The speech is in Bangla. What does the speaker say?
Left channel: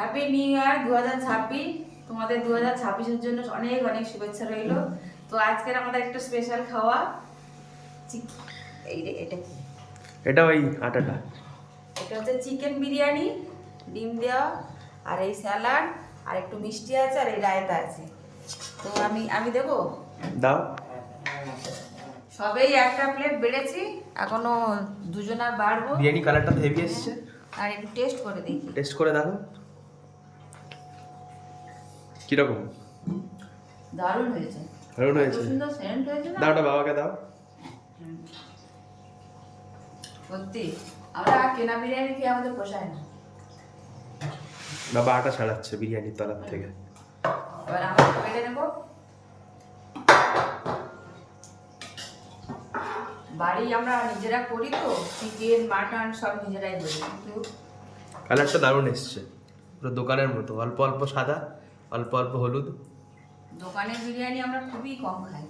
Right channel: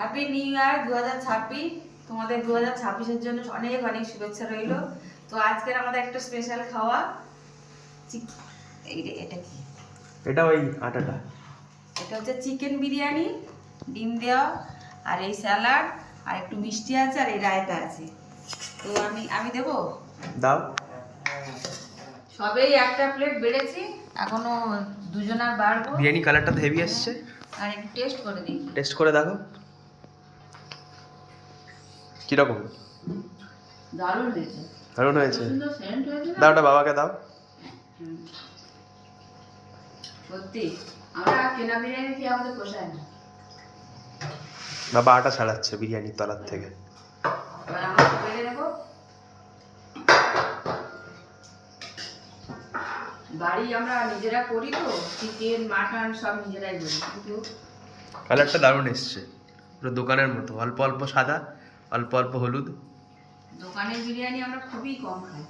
Happy new year 2026। তোমাদের 2026-এর জন্য অনেক অনেক শুভেচ্ছা রইল। তো আজকের আমাদের একটা স্পেশাল খাওয়া, এটা কি? এটা ওই আটাটা, এটা হচ্ছে চিকেন বিরিয়ানি, ডিম দেওয়া, আর এই স্যালাড, আর একটু মিষ্টি আছে, আর এই রায়তা আছে। তো আমি দেবো, দাও। সবেই একটা প্লেট বেড়েছি, এখনো দুজনা বাড়বো। বিরিয়ানি কালারটা তো হেভি আসছে। আর একটু টেস্ট করে দেখি। টেস্ট করে দেখো কিরকম। দারুণ হয়েছে, দারুণ হয়েছে। সুন্দর সেন্ট হয়েছে না? দাও, ওটা বাবাকে দাও। সত্যি আমরা কেনা বিরিয়ানি খেয়ে আমাদের পোষায় না। বাবা আটা ছাড়াচ্ছে বিরিয়ানির তলার থেকে। এবার আমরা বেড়ে নেবো। বাড়ি আমরা নিজেরা করি, তো চিকেন মাটন সব নিজেরাই করি, কিন্তু কালারটা দারুণ এসছে, পুরো দোকানের মতো, অল্প অল্প সাদা, অল্প অল্প হলুদ। দোকানের বিরিয়ানি আমরা খুবই কম খাই।